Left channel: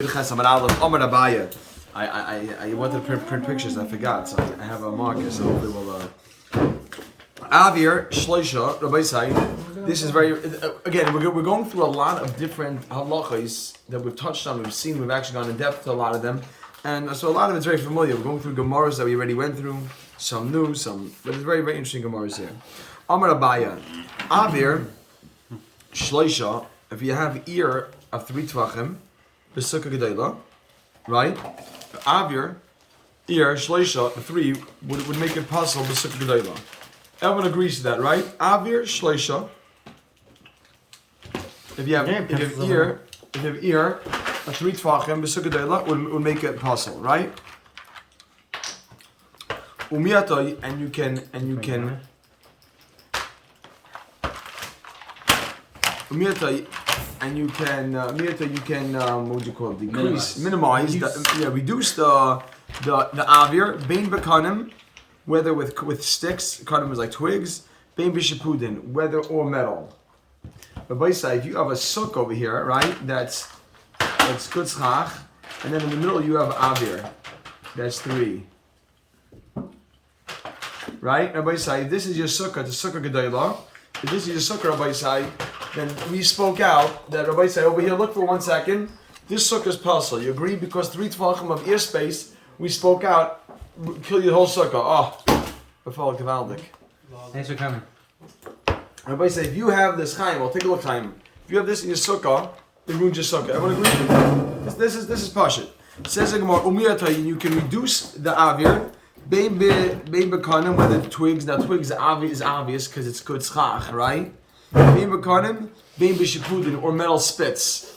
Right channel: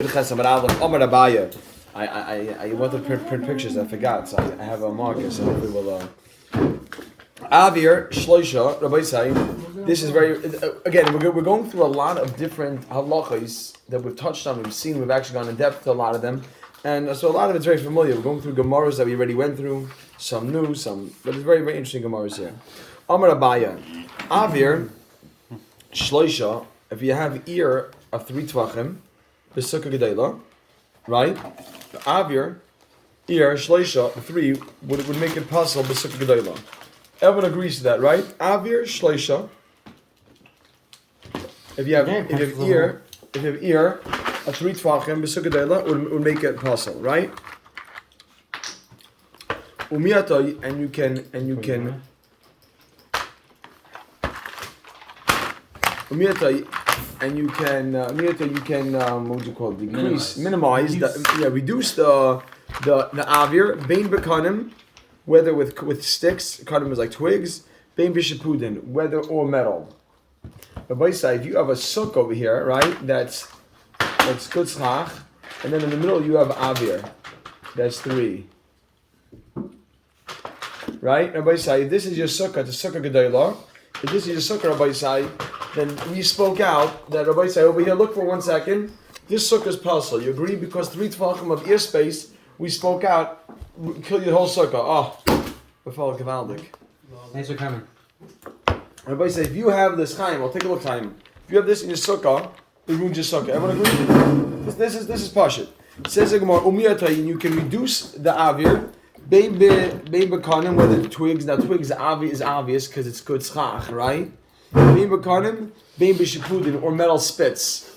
I wanted to print pictures, I forgot, so I have a marker, so hopefully we'll Avir, Shloisha, Rabbi Say, this is very, again, we're going through a lot of different halachas that we've touched on, we've seen, we've actually gone in depth to a lot of them, and so a lot of it's very familiar. We're going through Gemaras that we already went through, some new, some, but it's very, very interesting Gemaras here. Amar Abaya, Avir, Shloisha, if you have ear of 3 tvachim, B'sukkah Gedela, right? Avir, ear, Shloisha, 3 would make it possible B'sukkah Gedela. Everyone agrees to that, right? Avir, Shloisha. If you have ear, a 3 tvachim B'sukkah Gedela would make it possible, right? Umiyata, and you can. Umiyata, and you can what would you call it? Decrease, minimize, reduce the avir, bein bekanim, whether with sticks, kanim is like twigs, bein b'shipudin, whether or metal. But by side, if you have a sukkah over here, right? That's good schach, and then in the middle you have avir, that's 3. Right? Rabbi Say, if this is your sukkah, the sukkah gedayla. If this is your sukkah, Rabbi Say, then we spoke out that Rabbi Say over here. Look for 1 second. This sukkah is puzzle. You agree because 3 tvachim of ear space. We spoke out. Kill your whole sukkah. Oh, before gewaldig. Thanks for coming. Rabbi Say, if you have this chaim, well, take a look, chaim. If you have this in your sukkah, it ruins your sukkah. Everyone agree? This is pashut. It says in Gemara, umiyatay, you can reduce the avir. Bein bekanim, whether the twigs, now twigs is obvious because it's good schach, right? Bein bekanim, bein b'shipudin, or metal spits,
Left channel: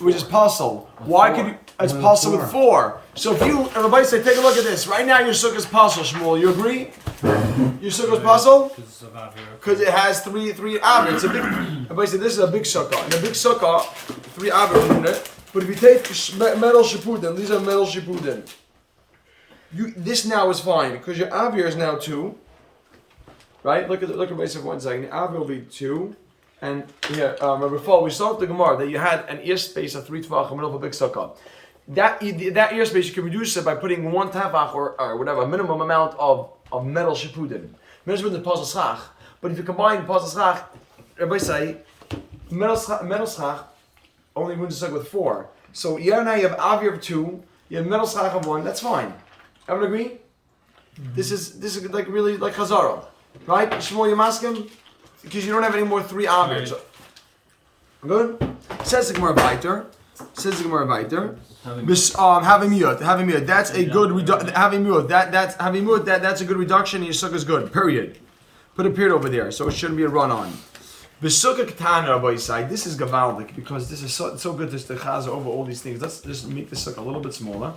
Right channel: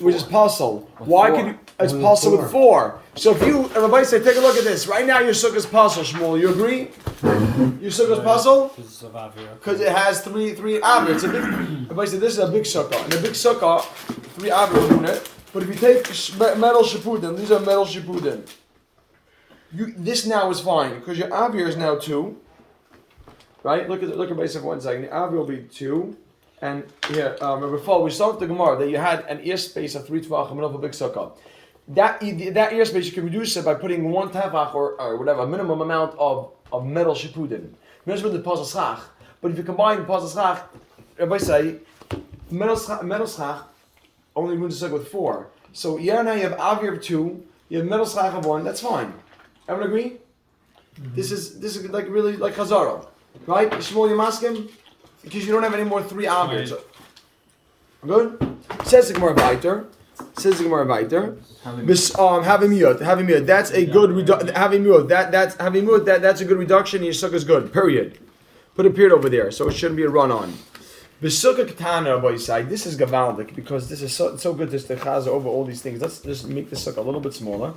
which is puzzle. Why could you? It's puzzle with 4. So if you, everybody say, take a look at this. Right now your sukkah is puzzle, Shmuel. You agree? Your sukkah is puzzle because it has 3 avir. It's a big. Everybody say this is a big sukkah, and a big sukkah, 3 avir in it. But if you take metal shipudin, these are metal shipudin. This now is fine because your avir is now 2, right? Look at basic 1 second. The avir will be 2, and before we started the Gemara that you had an ear space of 3 tvachim in middle of a big sukkah. That ear space you can reduce it by putting 1 tefach or whatever, a minimum amount of metal shipudin. Metal shipudin pasal schach, but if you combine pasal schach, everybody say metal schach only ruins the sukkah with 4. So now you have avir of 2, you have metal schach of 1. That's fine. Everyone agree? Mm-hmm. This is like really like Chazara, right? Shmuel, you masking because you don't have any more 3 avirs. Right. Good. Says the Gemara weiter. Having miyot. That's a good having miyot. That's a good reduction. And your sukkah is good. Period. Put a period over there, so it shouldn't be a run on. B'sukkah ketana by side. This is gavaldik because this is so good. This the chaza over all these things. Let's just make the sukkah a little bit smaller.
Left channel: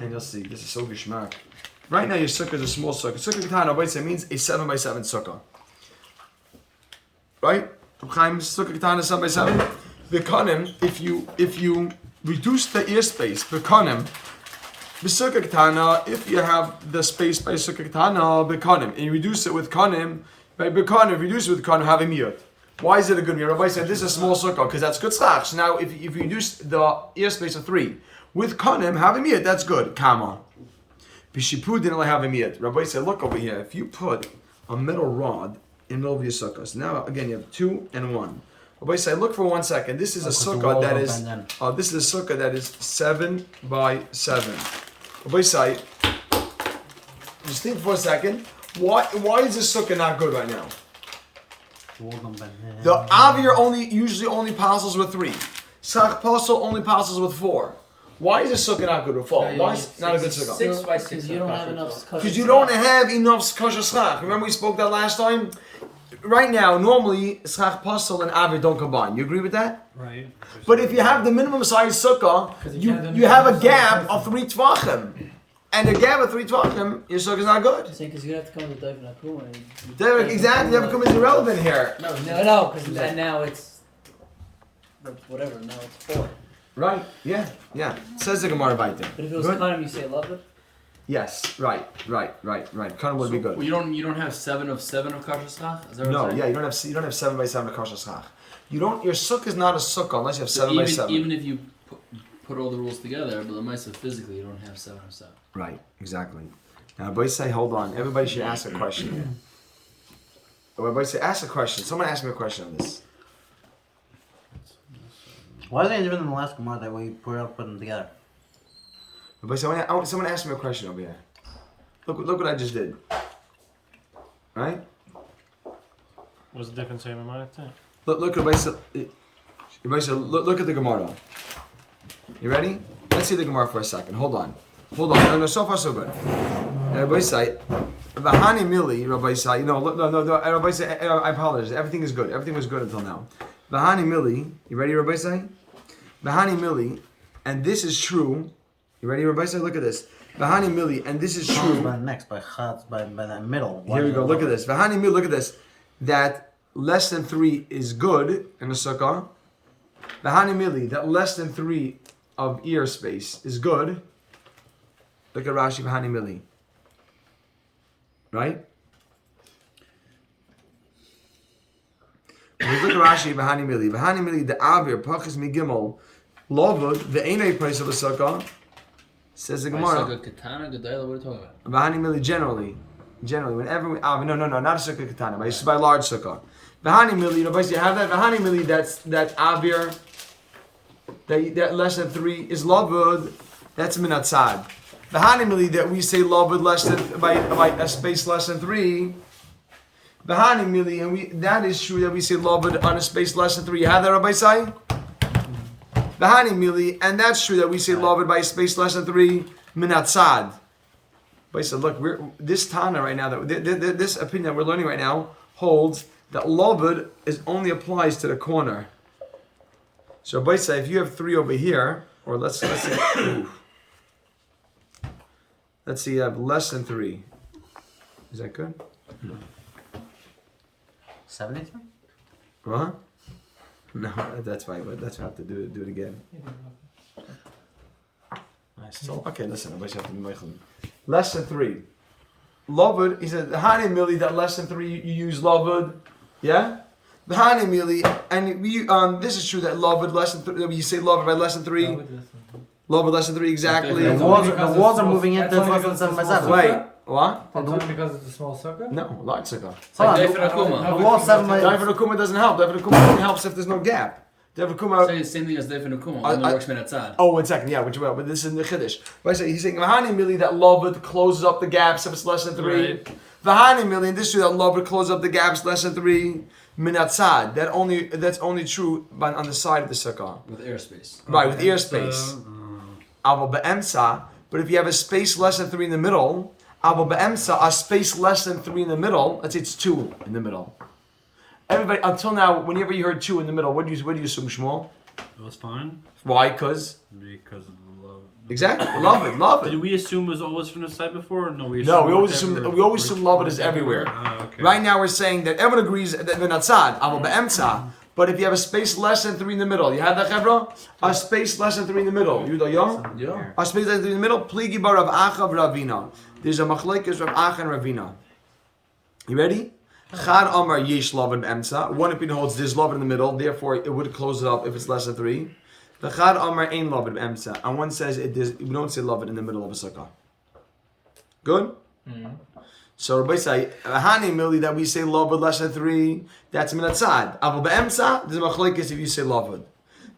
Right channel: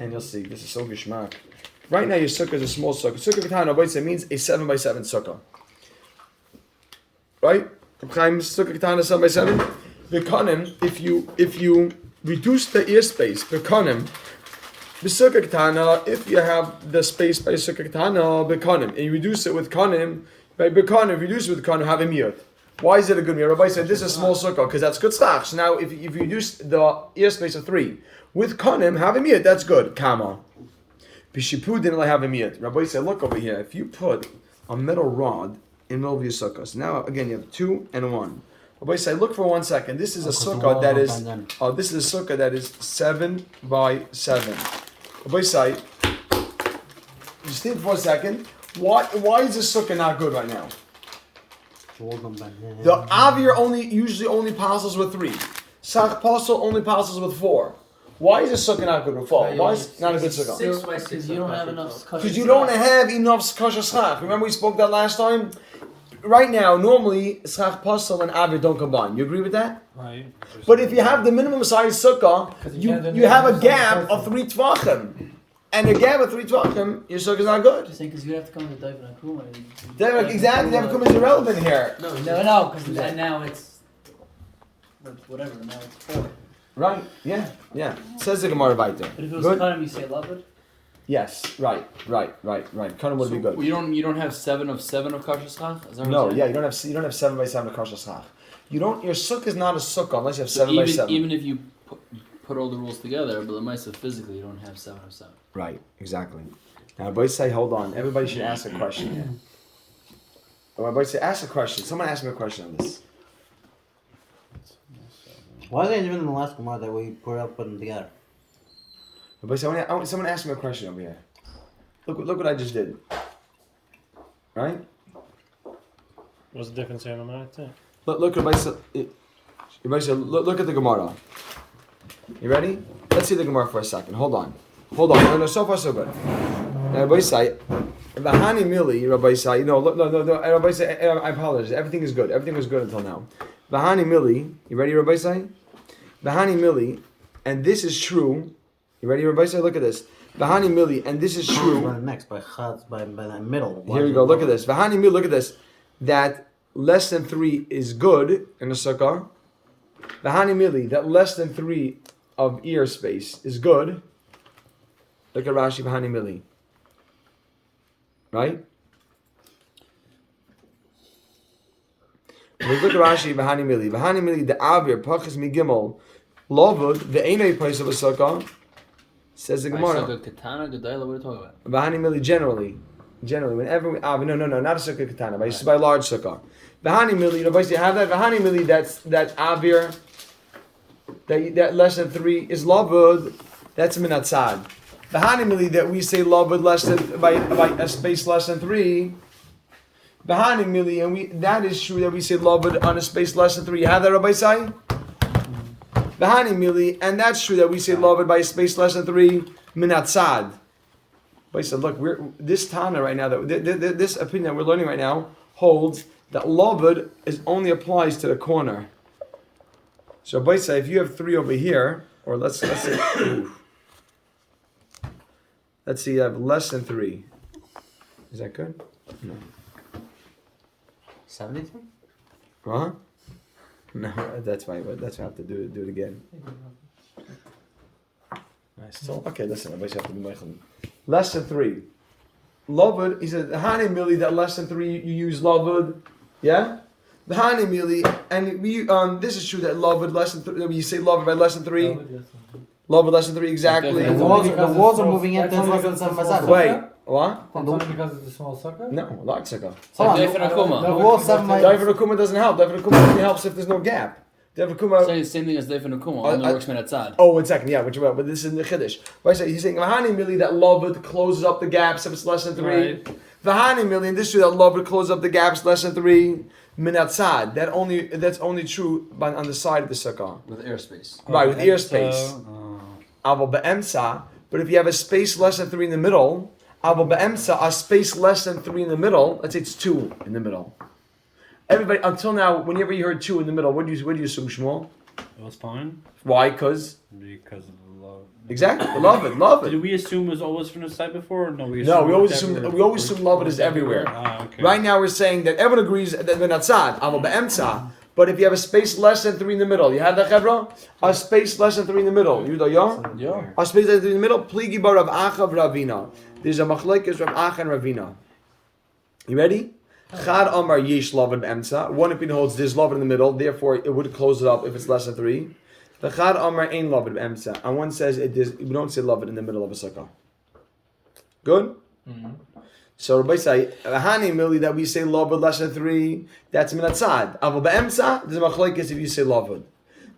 And you'll see, this is so gishmak. Right now your sukkah is a small sukkah. Sukkah ketana means a 7x7 sukkah. Right? Sukkah ketana 7x7. Bekanim, if you reduce the ear space, bekanim, b'sukkah ketana, if you have the space by sukkah ketana, bekanim, and you reduce it with kanim, by bekanim, reduce it with kanim, have a miyot. Why is it a good miyot? Rabbi said this is a small sukkah because that's good stuff. So now if you reduce the ear space of 3, with kanim, have a miyat, that's good. Kama. Bishipud didn't have a miyat. Rabbi said, look over here. If you put a metal rod in the middle of your sukkah, so now again you have 2 and 1. Rabbi said, look for 1 second. This is a sukkah that is. This is a sukkah that is 7x7. Rabbi said, just think for a second. Why is this sukkah not good right now? The avir usually only passes with 3. Sach pasal only passes with 4. Why is this sukkah not good with 4? Why is it not a good sukkah? 6 by 6. Because you don't have enough. Because you don't have enough kosher schach. Remember we spoke that last time? Right now, normally schach pasal and avir don't combine. You agree with that? Right. But if you have the minimum size sukkah, you have a gap of 3 tvachim. And a gap of 3 tvachim, your sukkah is not good. Just saying because you have to come with the David Akuma. Exactly, David Akuma is irrelevant here. No, because now it's whatever. Now it's 4. Right, yeah. Says the Gemara weiter. But if it was kanim, you say love it? Yes, right. Kanim would be good. You don't have 7 of kosher schach? No, yeah, you don't have 7x7 of kosher schach. Your sukkah is not a sukkah unless you have 7x7. Even if you put all the rules together, but the Maisa physically you don't have 7 of 7. Right, exactly. Now, boys say, hold on. Everybody should ask a question here. Everybody say, ask a question. Someone ask me a question on this. Why are they different than the last Gemara that we put them together? Everybody, someone ask me a question over here. Look what I just did. Right? What's the difference in my thing? Look, everybody say, look at the Gemara. You ready? Let's see the Gemara for a second. Hold on. No, so far so good. Rabbi say, Vahani Mili, Rabbi say, no, Rabbi say, I apologize. Everything is good. Everything was good until now. Vahani Mili, you ready, Rabbi say? Vahani Mili, and this is true. You ready, Rabbi say? Look at this. Vahani Mili, and this is true. Next, by that middle. Here we go. Look at this. Vahani Mili, look at this. That less than 3 is good in the sukkah. Vahani Mili, that less than 3 of ear space is good. Look at Rashi, Vahani Mili. Right? Look at Rashi, Vahani Mili. Vahani Mili, the Avir, Pachas Migimel, Lovud, the Einay place of a sukkah, says the Gemara. Sukkah Katana, Gedayla, what are you talking about? Vahani Mili, generally, whenever we, no, not a sukkah katana, but it's by a large sukkah. Vahani Mili, you have that Vahani Mili, that Avir, that less than 3 is Lovud, that's Minatzad. The Hanimili that we say loved less than by a space less than 3. The Hanimili, and that is true that we say loved on a space less than 3. You have that, Rabbi Sai? The Hanimili, and that's true that we say loved by a space less than 3. Minatzad. But he said, look, this Tana right now, this opinion that we're learning right now holds that loved only applies to the corner. So Rabbi Sai, if you have 3 over here, or let's say. Let's see, I have less than 3. Is that good? No. 73? Huh? No, that's fine. That's why I have to do it again. Nice. So, okay, listen, everybody have to do Meichel. Less than 3. Lovud, he says, Hani Mili, that less than 3 you use Lovud. Yeah? The Hani Mili, and we this is true that Lovud less than 3, you say Lovud by less than 3. Lovud less than 3, exactly. The walls are moving in. That's less than 7 by 7. Wait, what? That's only because it's a small sucker? No, large sukkah. It's like Daifin Akuma. The wall 7 by Daifin Akuma doesn't help. Daifin Akuma only helps if there's no gap. Daifin Akuma. Saying the same thing as Daifin Akuma, only works Minatzad. Oh, 1 second, yeah, which but this is in the Chiddush. But I say he's saying Vahani Mili that Lovud closes up the gaps if it's less than 3. Right. Vahani Mili, and this true that Lovud closes up the gaps less than 3. Minatzad. That's only true on the side of the sukkah. With airspace. Right, with ear space. Aval be'emsa. But if you have a space less than 3 in the middle, aval be'emsa, a space less than 3 in the middle. Let's say it's 2 in the middle. Everybody until now, whenever you heard 2 in the middle, what do you assume, Shmuel? It was fine. Why? Because of the love. exactly, love it. Did we assume it was always from the side before? Or no, we always assume love it is everywhere. Okay. Right now we're saying that everyone agrees that we're not sad, aval be'emsa. But if you have a space less than 3 in the middle, you have that, Chevra? A space less than 3 in the middle. You know, Yeah. a space less than 3 in the middle. Pligi bar Rav Acha Ravina. There's a machlekes Rav Acha and Ravina. You ready? Chad Amar Yesh Lavan Emsa. One opinion holds there's Lavan in the middle, therefore it would close it up if it's less than 3. The Chad Amar Ein Lavan Emsa. And one says we don't say Lavan in the middle of a sukkah. Good? Mm-hmm. So Rabbi say, Hani Mili that we say Lavan less than 3, that's Minatzad. Aval Be'emsa, there's a machlekes if you say Lavan.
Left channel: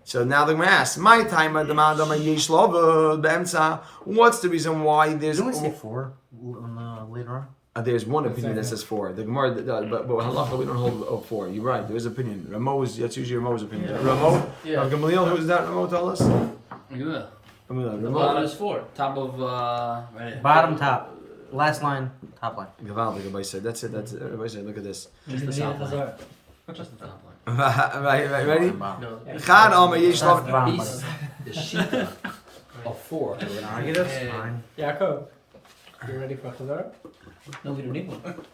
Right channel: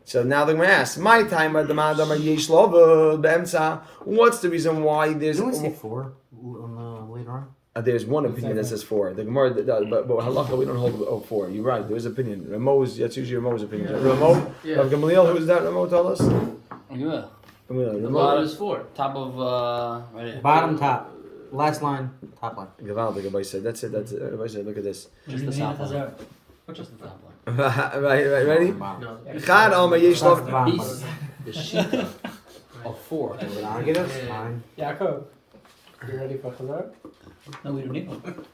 So now they're going to ask, my time at the Madam Yesh Lavan Be'emsa. What's the reason why there's. Didn't we say 4 later on? There's one opinion that says 4. The Gemara, but halacha we don't hold 4. You're right. There is opinion. That's usually Ramo's opinion. Yeah. Ramo, Yeah. Gamaliel, who's that? Ramo, tell us. Yeah. The Ramo. bottom is 4. Top of right here. Bottom, top. Last line, top line. Gavaldik, everybody said. That's it. Everybody said. Look at this. Just the top line. Just the top line. right. Ready? No. Chad Amar Yesh That's Lavan. the bottom, Beast. The Shita of 4. It's fine. Yaakov, you ready for Chazar? No, we don't need one.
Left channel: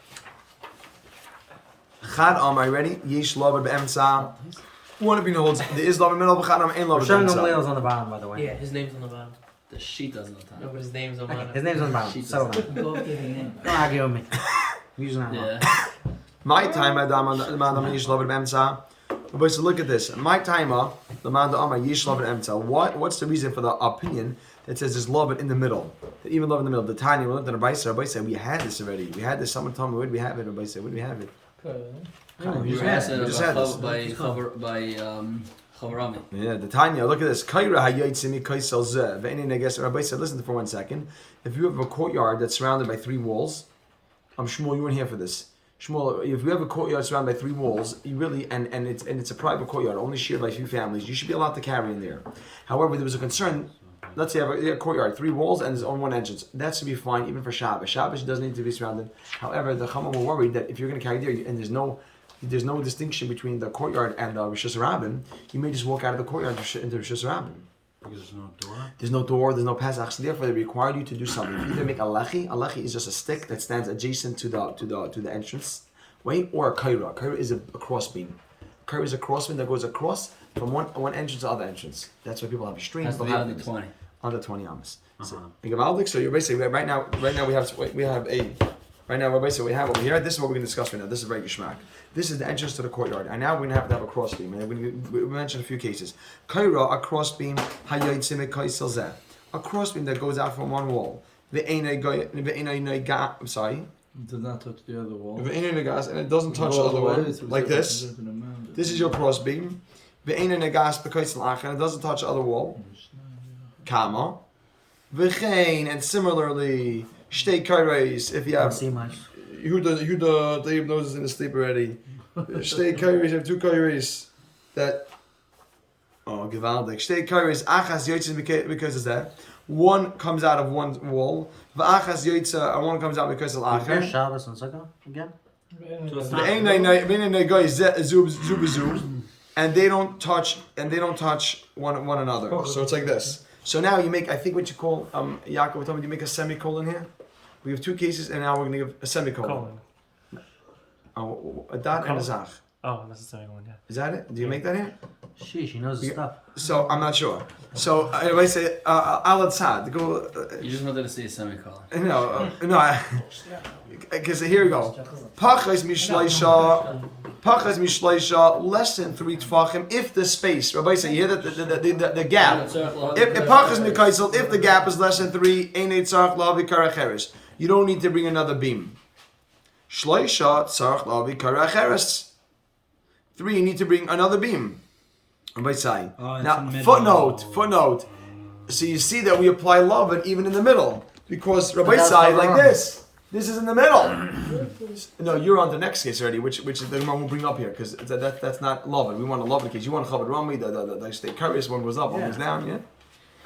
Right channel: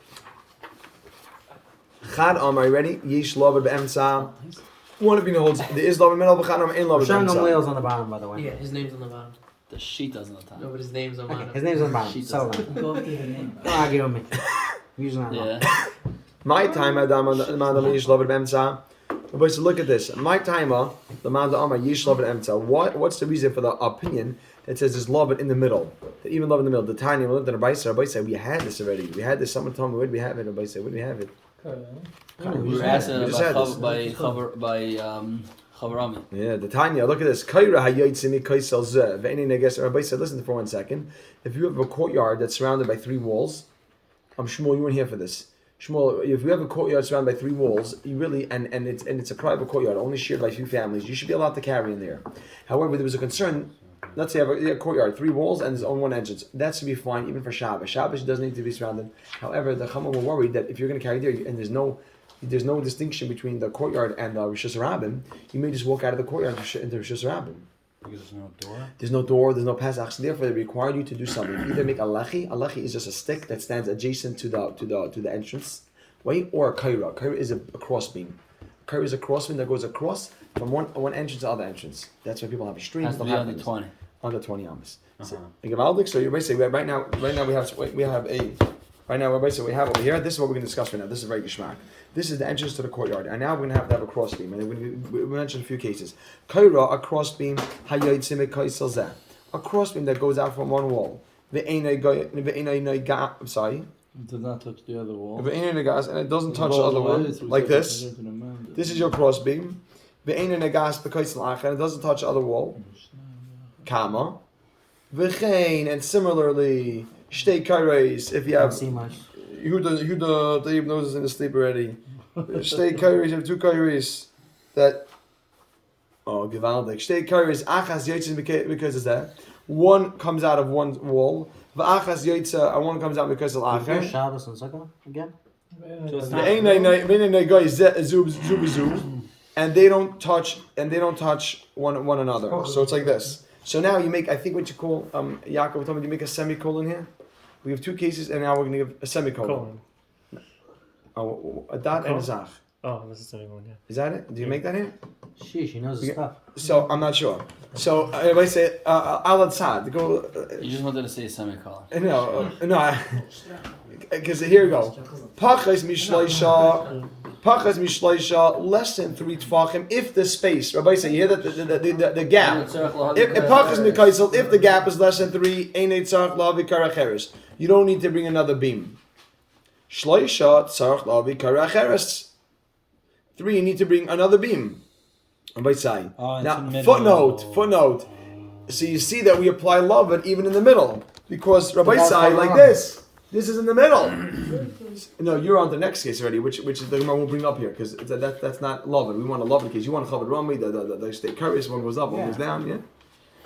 Chad Amar, you ready? Yesh Lavan Be'emsa. One opinion holds there is Lavan in the middle, but Chad Amar ain't Lavan Hashem Be'emsa. Leil's on the bottom, by the way. Yeah, his name's on the bottom. The Shita's on the top. No, but his name's on the Okay, bottom. his name's on the bottom. Sheets Settle is- down. Go up to the name. Don't argue with me. I'm using that one. Yeah. My time, Madam Yesh Lavan Be'emsa. But so look at this. My timer, the man the Amar Yish Lavan Emta. What's the reason for the opinion that says there's love in the middle? That even love in the middle. The tiny we looked at Rabbi said we had this already. We had this. Someone told me where do we have it? Rabbi said where do we have it? We were asked We just had this. by Chavarami. Yeah, the Tanya. Look at this. Kaira hayotzimi kaisel zeh. Ve'enin neges. Rabbi said, listen for 1 second. If you have a courtyard that's surrounded by 3 walls, Shmuel, you weren't here for this. Shmuel, if you have a courtyard surrounded by 3 walls, you really and it's a private courtyard, only shared by a few families, you should be allowed to carry in there. However, there was a concern. Let's say you have a courtyard, 3 walls, and there's only 1 entrance. That should be fine, even for Shabbos. Shabbos doesn't need to be surrounded. However, the Chama were worried that if you're going to carry there, and there's no distinction between the courtyard and Rosh Hashanah, you may just walk out of the courtyard into Rosh Hashanah. Because there's no door. There's no door, there's no Pesach, so therefore they require you to do something. Either make a lechi. A lechi is just a stick that stands adjacent to the entrance, right? Or a kaira. Kaira is a crossbeam. Kaira is a crossbeam that goes across from one entrance to other entrance. That's why people have streams. Has to be under 20. Under 20 amas. So you're basically right now we have a. Right now, Rabbi said we have over here. This is what we're going to discuss right now. This is very geschmack. This is the entrance to the courtyard, and now we're going to have a crossbeam. And we mentioned a few cases. Kaira, a crossbeam, a crossbeam that goes out from one wall. I'm sorry. It does not touch the other wall. And it doesn't touch the other one, like this. This is your crossbeam. And it doesn't touch the other wall. Kama. And similarly, shtei kairos, if you have see much. Yehuda Dave knows is in his sleep already. Shtei kairos, you have 2 kairos that gewaldig. Shtei kairos, achas yotzes because of that. One comes out of one wall. V'achas yotza, and one comes out because of acher. Shabbos and Sukkah again. So it's not. And they don't touch one another. So it's like this. So now you make, I think what you call, Yaakov told me you make a semicolon here. We have 2 cases, and now we're going to give a semicolon. A dot and a zaf. Oh, this is the same one, yeah. Is that it? Do you make that here? She knows the stuff. So I'm not sure. So I say al sad. Go. You just wanted to say a semicolon. No, because here we go. Pachas mishleisha less than 3 tefachim if the space. Rabbi say you hear that the gap. If pachas mikaisel, if the gap is less than 3, einay tzarich lavi karacheres. You don't need to bring another beam. Shleisha tzarich lavi karacheres. 3, you need to bring another beam. Rabbi say. Now footnote. So you see that we apply love even in the middle because Rabbi say like this. This is in the middle. No, you're on the next case already, which is the one we'll bring up here because that's not love. We want a love case. You want a chavod rami. The state curious one goes up, one goes down. Yeah.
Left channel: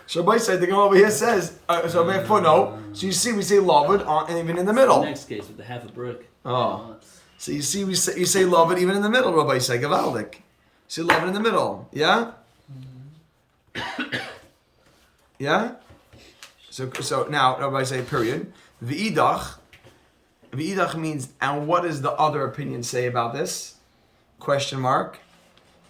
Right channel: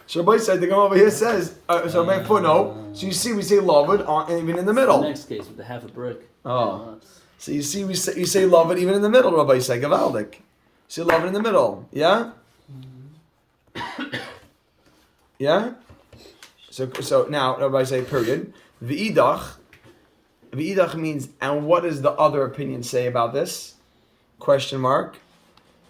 So Rabbi said the Gemara over here says footnote. So you see we say love even in the middle. The next case with the half a brick. Oh. So you see you say love even in the middle. Rabbi say gavaldik. So love in the middle. Yeah. Yeah. So now Rabbi say period. V'idach means, and what does the other opinion say about this? Question mark.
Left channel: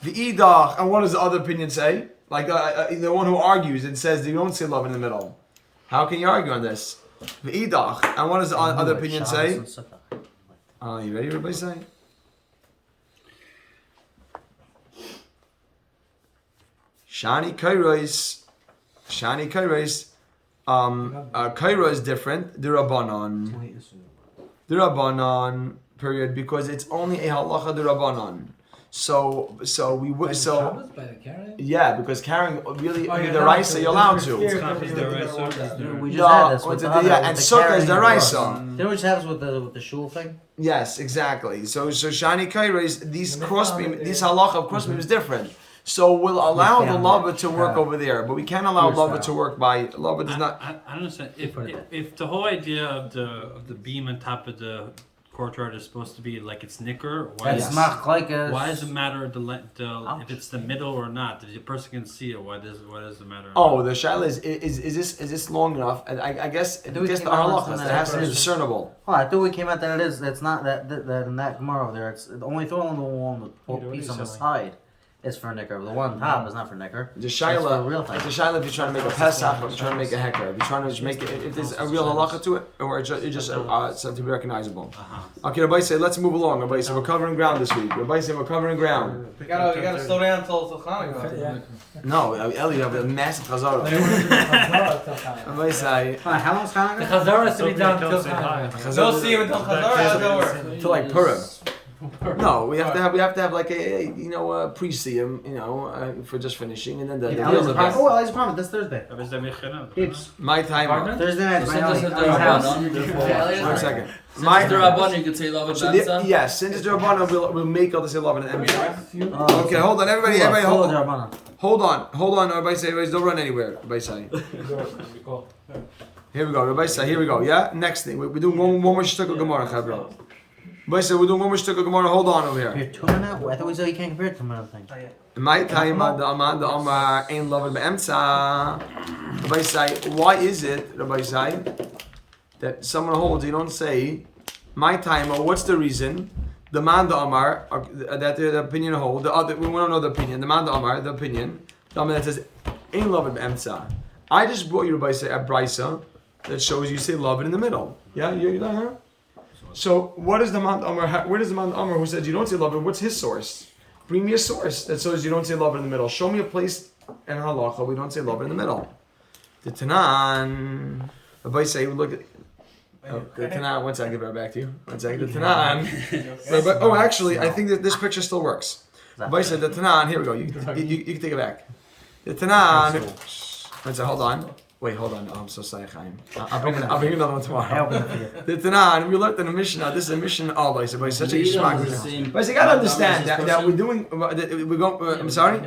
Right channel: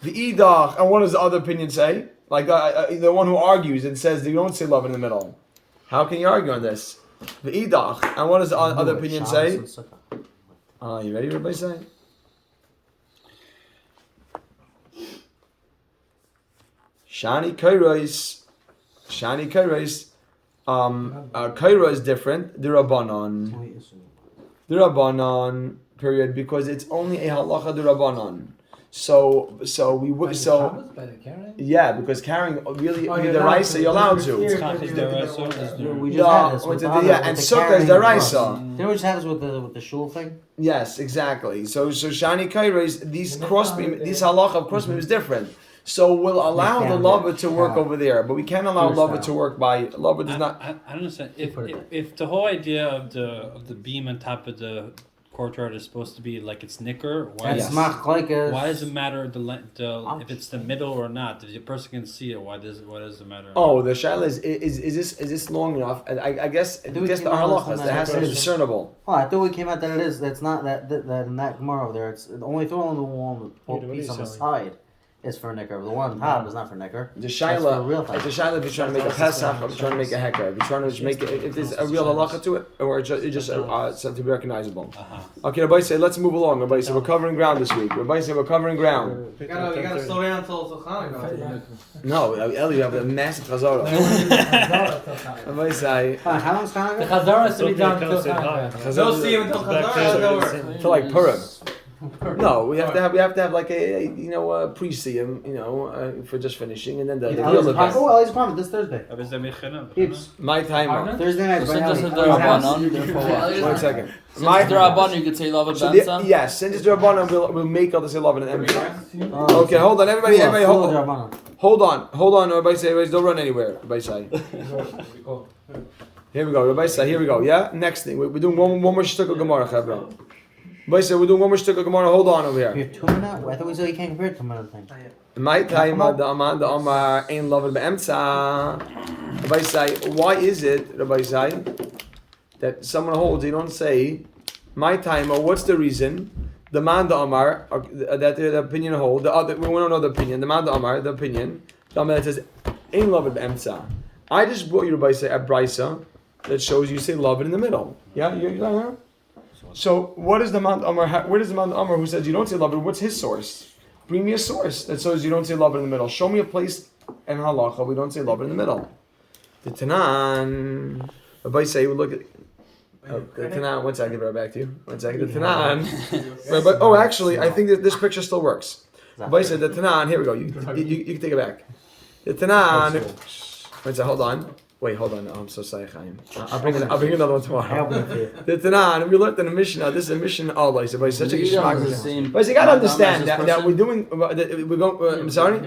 V'idach, and what does the other opinion say? Like the one who argues and says you don't say love in the middle. How can you argue on this? V'idach, and what does the other opinion say? You ready? Everybody say. Shani kairos. Kaira is different. The Rabbanon period because it's only a halacha the Rabbanon. So we would yeah because carrying really the raisa you're allowed to. We just had this. And sukkah is the raisa. You know what happens with the shul thing? Yes, exactly. So shani kaira is these crossbeam these halacha of crossbeam is different. So we'll allow the lover to work over there, but we can't allow lover to work by lover does not. I don't understand. If the whole idea of the beam on top of the courtyard is supposed to be like it's nicker, why does it matter if it's the middle or not? If the person can see it, why does it matter? Oh, the shaila is this long enough? And I guess the halachas that has to be discernible. Oh, I thought we came out that it is. It's not that in that Gemara over there. It's only throwing the one with piece on the side. is for Nicker. The one on top is not for Nicker. The That's for real Shaila, thing. the Shaila, if you're trying to make a Pesach, or trying to make a Heker, if you're trying to make it, if there's a real halacha to it, or it's just something to be recognizable. Okay, Rabbi say, let's move along. Rabbi say, we're covering ground this week. Rabbi say, we're covering ground. You gotta slow down until Chanukah. No, Eli, you have a massive chazara. Rabbi say, How long's The Hanukkah? Chazara has to be done until Hanukkah. Don't see him until Chazar. to like Purim. No, we have to have like a pre-siyum, for just finishing, and then the real event. Oh, Ellie's promised this Thursday. Keeps My time. Thursday night. Since it's the Bring house. Rabbanon, One second. since it's the Rabbanon, you could say love So and Benza. yes, since it's the Rabbanon, we'll make all the say love and empty. Oh, Okay, hold on, everybody, full hold of on. Rabbanon. Hold on, everybody say, don't run anywhere, everybody say. Here we go, everybody say, here we go, yeah? Next thing, we're doing one more shtick of Gemara, Chabra. Everybody say, we're doing one more shtick of Gemara, hold on over You're here. tuning out? I thought we said you can't compare it to another thing. My time, the Amar ain't loving be'emtza. Rabbi say, why is it, Rabbi say, that someone holds, you don't say, my time, or what's the reason? The man, the Amar, that the opinion hold, the other, we don't know the opinion, the man, the Amar, the opinion, the Amar that says, ain't loving be'emtza. I just brought you, Rabbi say, a brisa that shows you say love it in the middle. Yeah, you know her? So, what is the man, the Amar, where does the man, the Amar who says you don't say love it, what's his source? Bring me a source that says you don't say love it in the middle. Show me a place in halacha we don't say love it in the middle. The Tanan, Rabbi say, look at the Tanan. One second, right back to you. One second. The Tanan. Oh, actually, I think that this picture still works. Rabbi said the Tanan. Here we go. You can take it back. The Tanan. One second. Hold on. Wait, hold on. I'm so sorry, Chaim. I'll bring another one tomorrow. The Tanan, we learned in the Mishnah. This is a Mishnah Allah. So, by such a geschmack. But you gotta understand that we're doing. We're going. I'm sorry.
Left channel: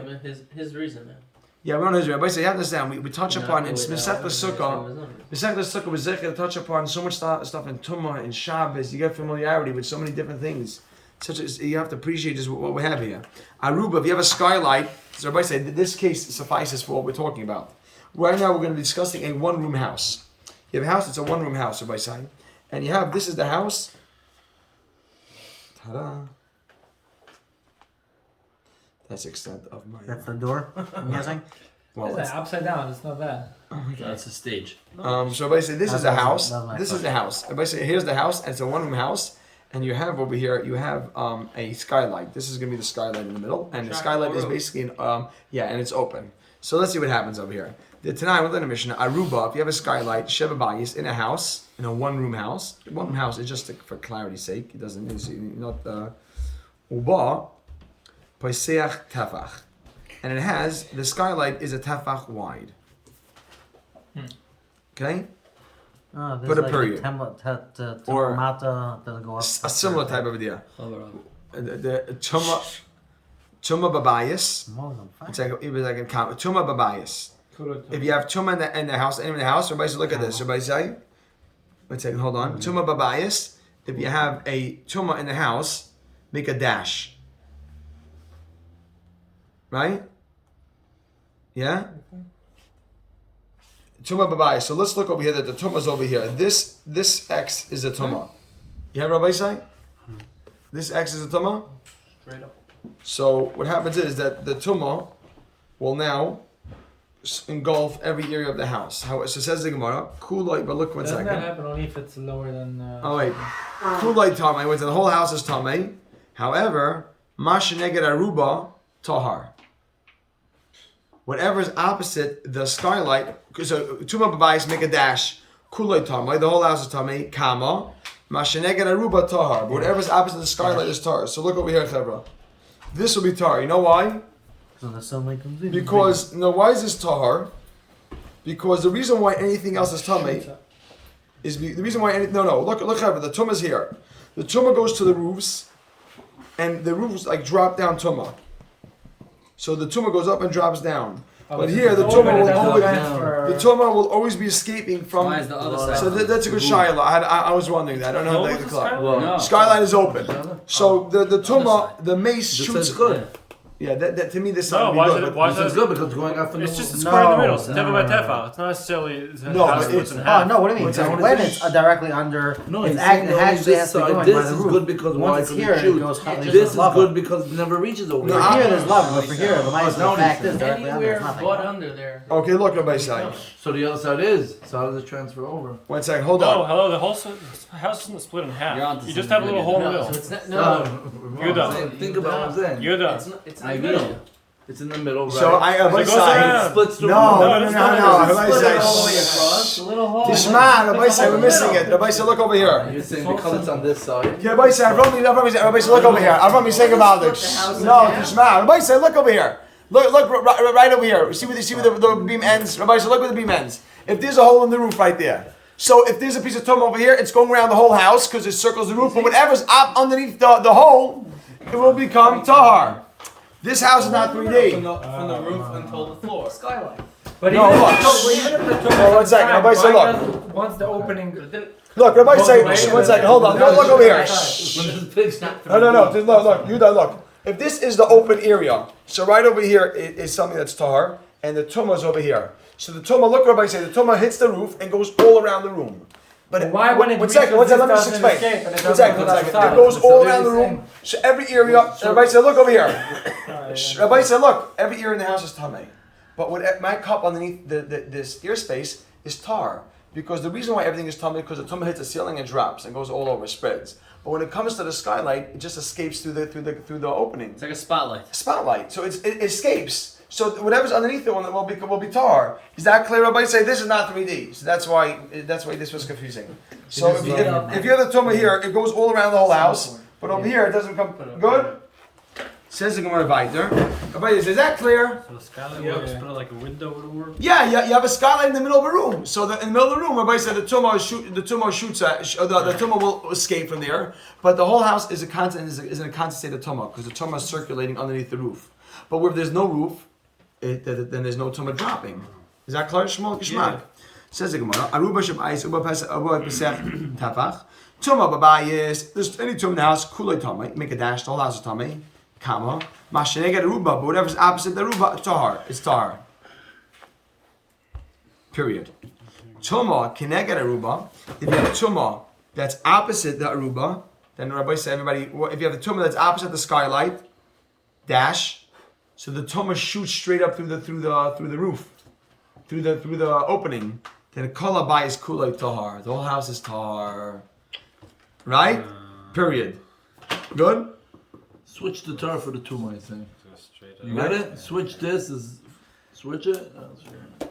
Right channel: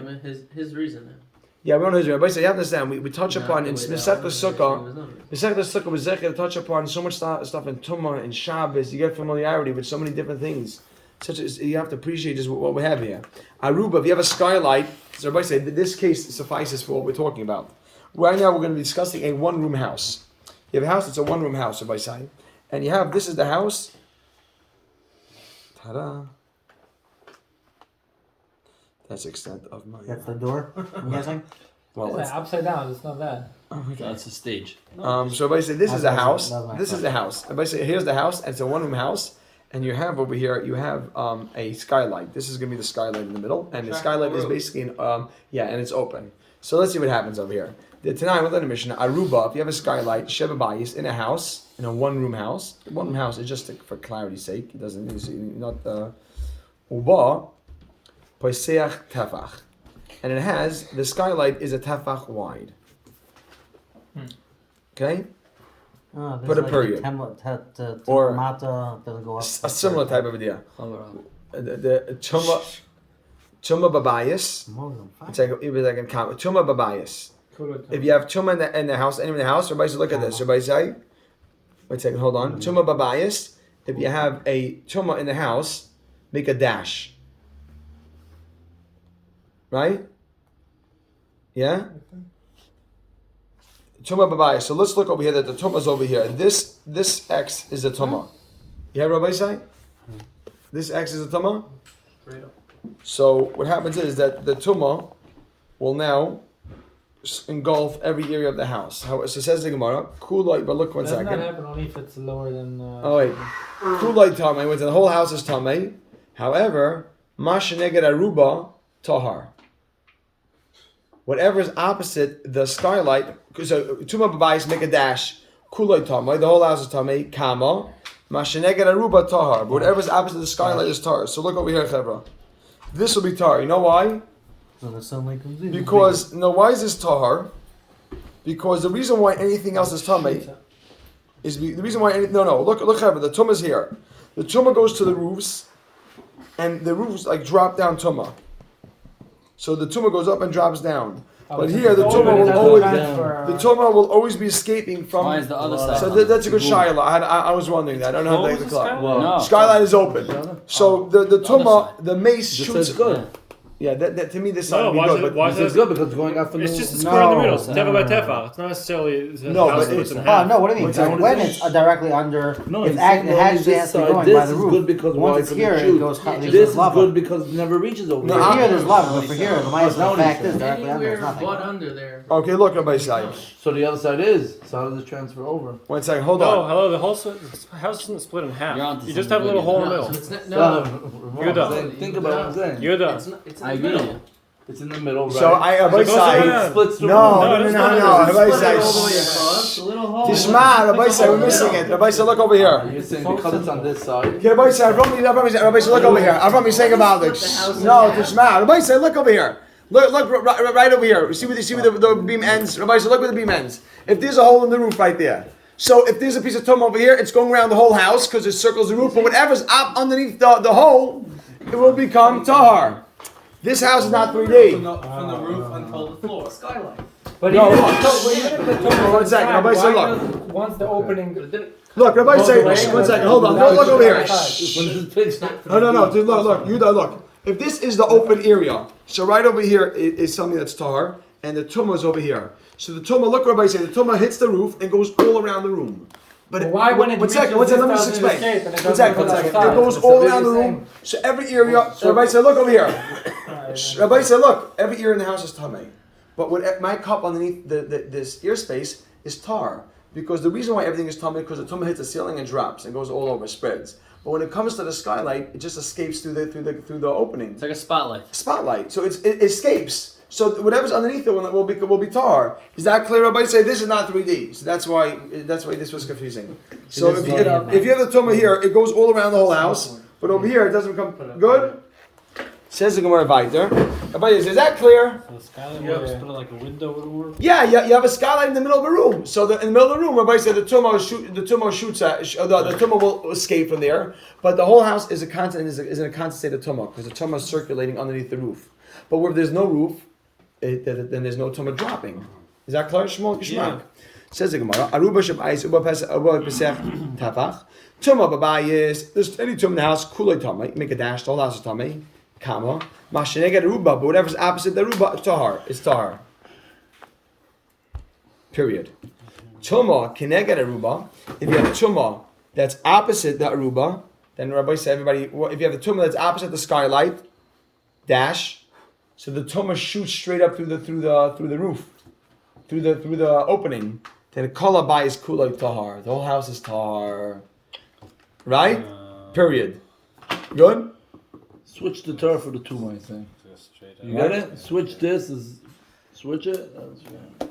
His reason. Yeah, we're on his reason. But you have to understand. We touch upon in Masechta Sukkah. Masechta Sukkah was to touch upon so much stuff in Tumah and Shabbos. You get familiarity with so many different things. Such as you have to appreciate just what we have here. Aruba. If you have a skylight, so everybody say this case suffices for what we're talking about. Right now, we're going to be discussing a one-room house. You have a house, it's a one-room house, everybody saying. And you have, this is the house. Ta-da. That's the extent of my... That's the door, I'm guessing? Well, It's upside down, it's not bad. That's a stage. so everybody say, this is the house. that was my This is the house. Everybody say, here's the house, and it's a one-room house. And you have over here, you have a skylight. This is going to be the skylight in the middle. And the skylight is basically, and it's open. So let's see what happens over here. The Tanai within the Mishnah, Aruba, if you have a skylight, Sheba Bayis, in a house, in a one-room house. One-room house is just for clarity's sake. It doesn't, it's not, Uba, Poiseach Tefach. And it has, the skylight is a Tefach wide. Okay? Put a period. Or a similar type of idea. The Tuma Babayis. It's like a comment. Tuma Babayis. If you have Tuma in the house, anyone in the house, everybody say, look at this. Everybody say, wait a second, hold on. Tuma Babayis. If you have a Tuma in the house, make a dash. Right? Yeah? Tuma Babayis. So let's look over here that the Tuma is over here. This X is a Tuma. You have Rabbi say? This X is a Tuma? So what happens is that the Tumah will now engulf every area of the house. How so says the Gemara, Kulai, but look one Doesn't second. that happen only if it's lower than... Oh wait. Kulai Tamei, when the whole house is Tamei. However, Masheneged Aruba Tahar. Whatever is opposite the skylight, so Tumah Babayis make a dash, Kulai Tamei, the whole house is Tamei, Kama, Masheneged Aruba Tahar. But whatever is opposite the skylight is Tahar. So look over here, Chevra. This will be Tahar. You know why? So the sunlight comes in. Because, why is this Tahar? Because the reason why anything else is Tamei is the reason why look the Tumah is here. The Tumah goes to the roofs, and the roofs like drop down Tumah. So the Tumah goes up and drops down. But here the Tumah will always be escaping from. Why is the other side? So that's a good shayla. I was wondering that. I don't know the clock. No. Skylight is open. So the Tumah, the mace shoots. Yeah. Yeah, that to me this No, side why would should be it? good. Why This should is it? good because it's going up from It's the just a square in the middle. It's No, tefa no, by no, tefa. It's not necessarily the No, house but splits in it's- half. No, what do you mean? What's that? When it's directly under, No, it's he's act, saying it only has this to be side. going This by the is roof. good because Once why? it's Because here, it it shoots. goes. This is good because it never reaches over No, here. For here, there's love, but Somebody for said. here, the now fact he is said. directly under. Anywhere It's nothing. but under there. Okay, look, Rabbi Sai. So the other side is. So how does it transfer over? 1 second, hold No, on. hello. The whole house isn't split in half. You're onto You just have a something little hole in the good. middle. So it's not, No, You're done. Think about what I'm saying. You're done. it's in I the agree. middle. It's in the middle, right? So Rabbi It goes Sai. around. It splits the No, room. no, no, no, no. Rabbi Split it all the way Sai. across. A little hole. Tishma, Rabbi Sai, we're missing it. Rabbi Sai, look over here. You're saying because it's on this side. Yeah, Rabbi Sai, Rabbi Sai, look over here. Rabbi Sai about it. No, Tishma, Rabbi Sai, look over here. Look, right over here. You see where the beam ends? Rabbi Sai, look where the beam ends. If there's a hole in the roof right there. So if there's a piece of tum over here, it's going around the whole house because it circles the roof. But whatever's up underneath the hole, it will become tahar. This house is not 3D. From the roof until the floor. Skylight. But No, even, look. even if the top is One on second, time, Rabbi Say, why look. does once the opening Look, Rabbi Say, one second, hold on. Look over here. No. Look, Yuda, look. If this is the open area, so right over here is something that's tahar, and the tumah is over here. So the tumah, look, Rabbi Say, the tumah hits the roof and goes all around the room. But why when it one second, let me just doesn't explain. escape and it One doesn't second, go one second. outside? It goes all So around the they're room. So every area, so Rabbi said, look over here. Rabbi said, look, every ear in the house is tamei. But what my cup underneath this ear space is tar. Because the reason why everything is tamei, because the tumah hits the ceiling and drops and goes all over, spreads. But when it comes to the skylight, it just escapes through the opening. It's like a spotlight. Spotlight. So it escapes. So whatever's underneath the one will be tar. Is that clear? Everybody say this is not 3D. So that's why this was confusing. So if you have the tumah here, it goes all around the whole house. But over here it doesn't come good. Says the Gemara weiter. Everybody, is that clear? So the skylight works, but like a window would work. Yeah, you have a skylight in the middle of a room. So in the middle of the room, everybody said the tumah shoots the tumah will escape from there. But the whole house is in a constant state of tumah because the tumah is circulating underneath the roof. But where there's no roof, then there's no tumah dropping. Is that clear? Shmuel Kishmak. Says the Gemara. Aruba shabais uba pesach tafach. Tumah babayis. There's any tumah in the house. Kulay tamei. Make a dash. The whole house is tamei. Kama. Masheneged aruba. But whatever's opposite the aruba, tahar. It's tahar. Period. Tumah kineged aruba. If you have tumah that's opposite the aruba, then Rabbi said everybody. If you have the tumah that's opposite the skylight, dash. So the tumah shoots straight up through the roof, through the opening. Then kol habayis is kulay tahar. The whole house is tahar. Right? Period. Good? Switch the tar for the tumah, I think. Straight up. You got it? Switch this switch it.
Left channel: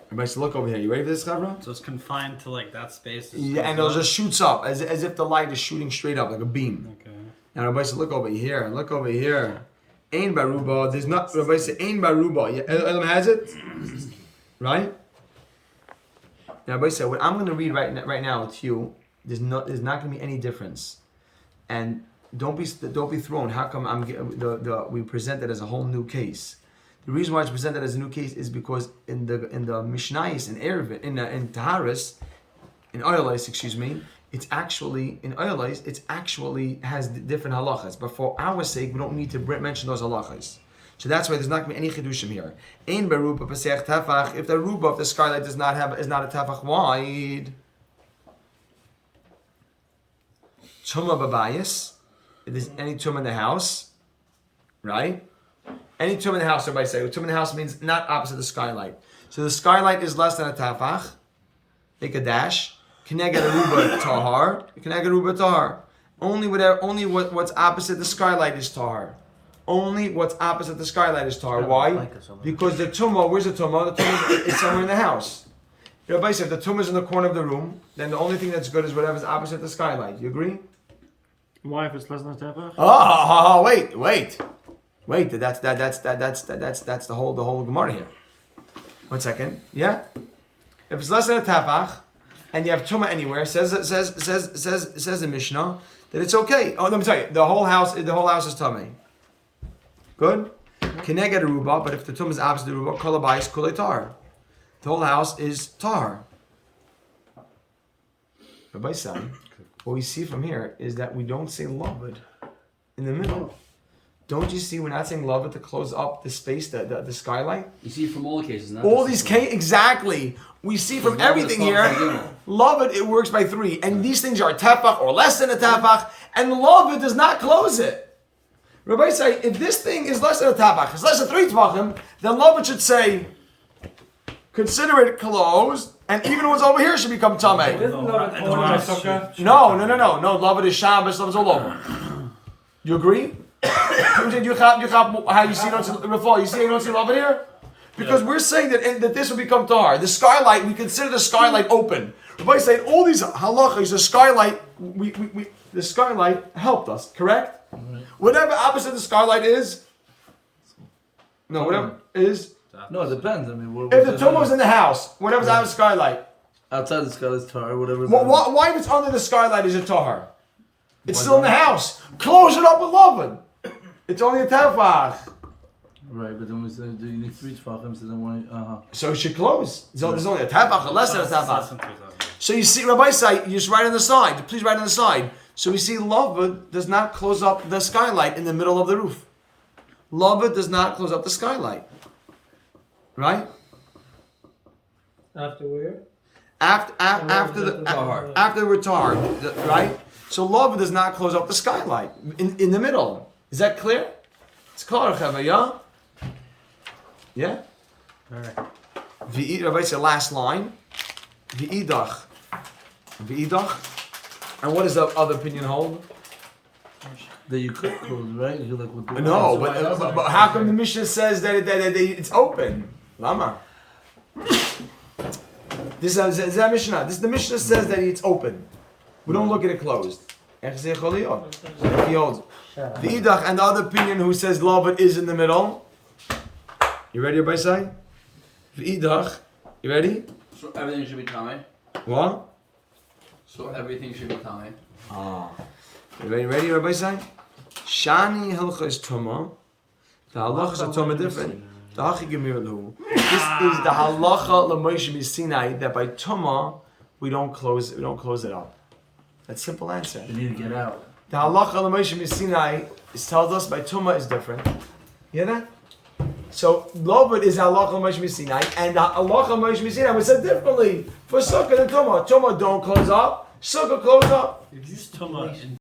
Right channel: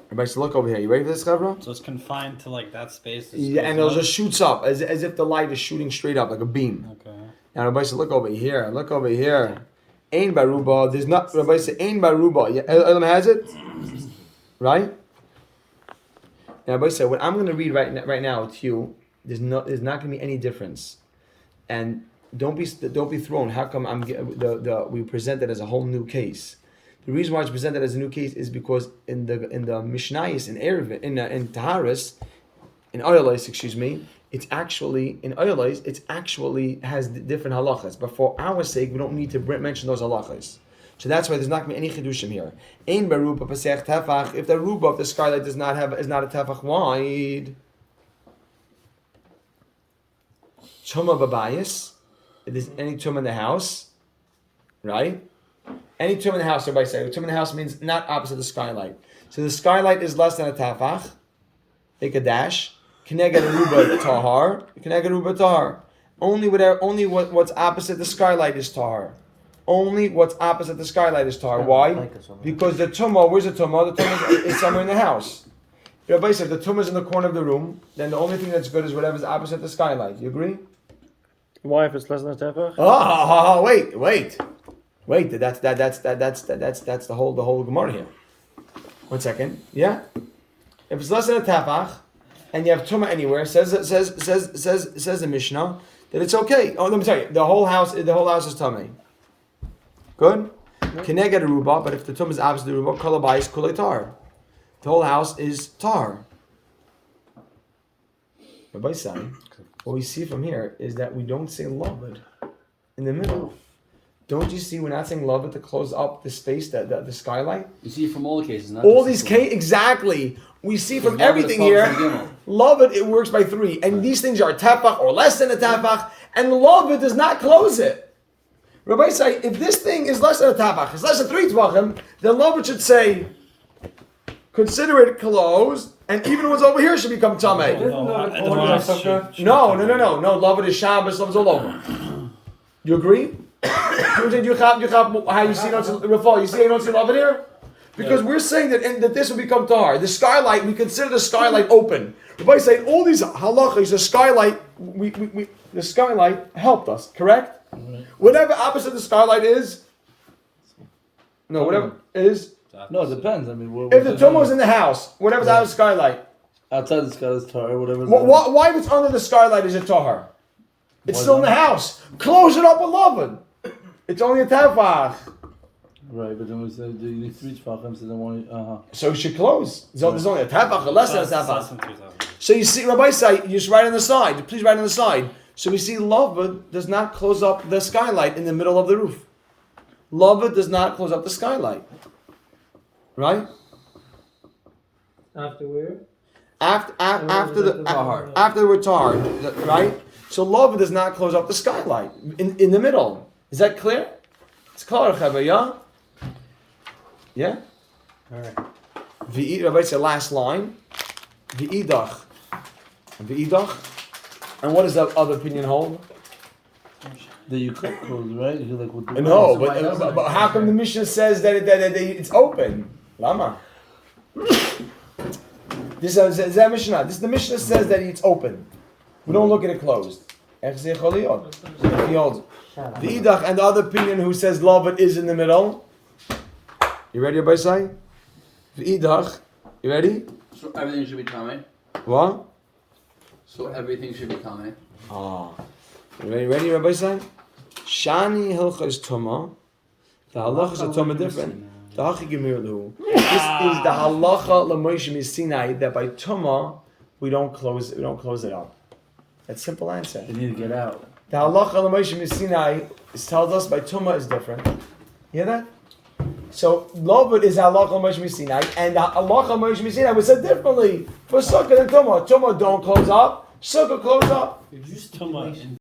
Everybody should look over here. You ready for this, Chavra? So it's confined to like that space. Yeah, and it just shoots up as if the light is shooting straight up like a beam. Okay. Now everybody should look over here. Look over here. Ain baruba. There's not. Everybody say ain baruba. Yeah, Elam has it, right? Now everybody say what I'm going to read right now to you. There's not going to be any difference, and don't be thrown. How come we present it as a whole new case? The reason why it's presented as a new case is because in the Mishnayos in Erevin in Taharis in Oyalais, excuse me, it's actually in Oyalais it actually has different halachas. But for our sake, we don't need to mention those halachas. So that's why there's not going to be any chidushim here. Ein baruba pasech tafach. If the ruba of the skylight is not a tafach wide, tumah babayis. If there's any tumah in the house, right? Any tumah in the house, everybody say. Tumah in the house means not opposite the skylight. So the skylight is less than a tafach. Make a dash. Kineged aruba tahar. Kineged aruba tahar. Only what's opposite the skylight is tahar. Only what's opposite the skylight is tahar. Why? Because the tumah, where's the tumah? The tumah is somewhere in the house. Everybody said if the tumah is in the corner of the room, then the only thing that's good is whatever's opposite the skylight. You agree? Why if it's less than a tefach? Oh, wait. That's the whole Gemara here. 1 second. Yeah. If it's less than a tafach, and you have tumah anywhere, says the Mishnah that it's okay. Oh, let me tell you, the whole house is tamei. Good. Kineged aruba, but if the tumah is opposite the aruba, kol habayis kulei tar. The whole house is tar. Rabbi Sai, what we see from here is that we don't say loved in the middle. Don't you see we're not saying love it to close up the space, the skylight? You see from all cases, not All just these this one. cases, exactly. We see from Because love it everything follows here, the gimel. love it works by 3. And these things are tefach or less than a tefach, and love it does not close it. Rabbi say, if this thing is less than a tefach, it's less than 3 tefachim, then love it should say, consider it closed, and even what's over here should become tamei. No, love it is Shabbos, love it is all over. You agree? How you see Rafal? You see you don't see love it here? Because we're saying that this will become tahar. The skylight, we consider the skylight open. Rabbi saying all these halachas, the skylight, the skylight helped us, correct? Right. Whatever opposite the skylight is, no, whatever is. No, it depends. I mean, If the tumor is in the house, whatever's out of the skylight. outside the skylight is tar, whatever. Why if it's under the skylight is it tahar? It's Why still in not? the house. Close it up with lovin. It's only a tefach. Right, but then we said you need 3 tefachim, so then why? So it should close. There's only a tefach, or less than a Less tefach. than 3,000. So you see, Rabbi say, you just write on the side. Please write on the side. So we see Lava does not close up the skylight in the middle of the roof. Lava does not close up the skylight. Right? After where? After the we're tar, right? So Lava does not close up the skylight in the middle. Is that clear? It's clear, Chava, yeah? Yeah? Rabbi said last line. V'idach. And what does the other opinion hold? That you could close, right? You like with the No, but how come the Mishnah says that it's open? Lama. This is that Mishnah. The Mishnah says that it's open. We don't look at it closed. He holds the idach and the other opinion who says love it is in the middle. You ready, Rabbi Say? The idach. You ready? So everything should be tame. What? So everything should be tame. Ah. You ready, Rabbi Say? Shani hilcha is tuma. The halachas are tuma different. The hachi gemir lahu. This is the halacha l'Moshe Sinai that by tuma we don't close it up. That's a simple answer. You need to get out. The halacha l'Moshe Sinai tells us by tuma is different. You hear that? So Lovad is halacha l'Moshe Sinai, and the halacha l'Moshe Sinai was said differently for sukkah and tuma. Tuma don't close up. Sukkah close up. If you just tuma in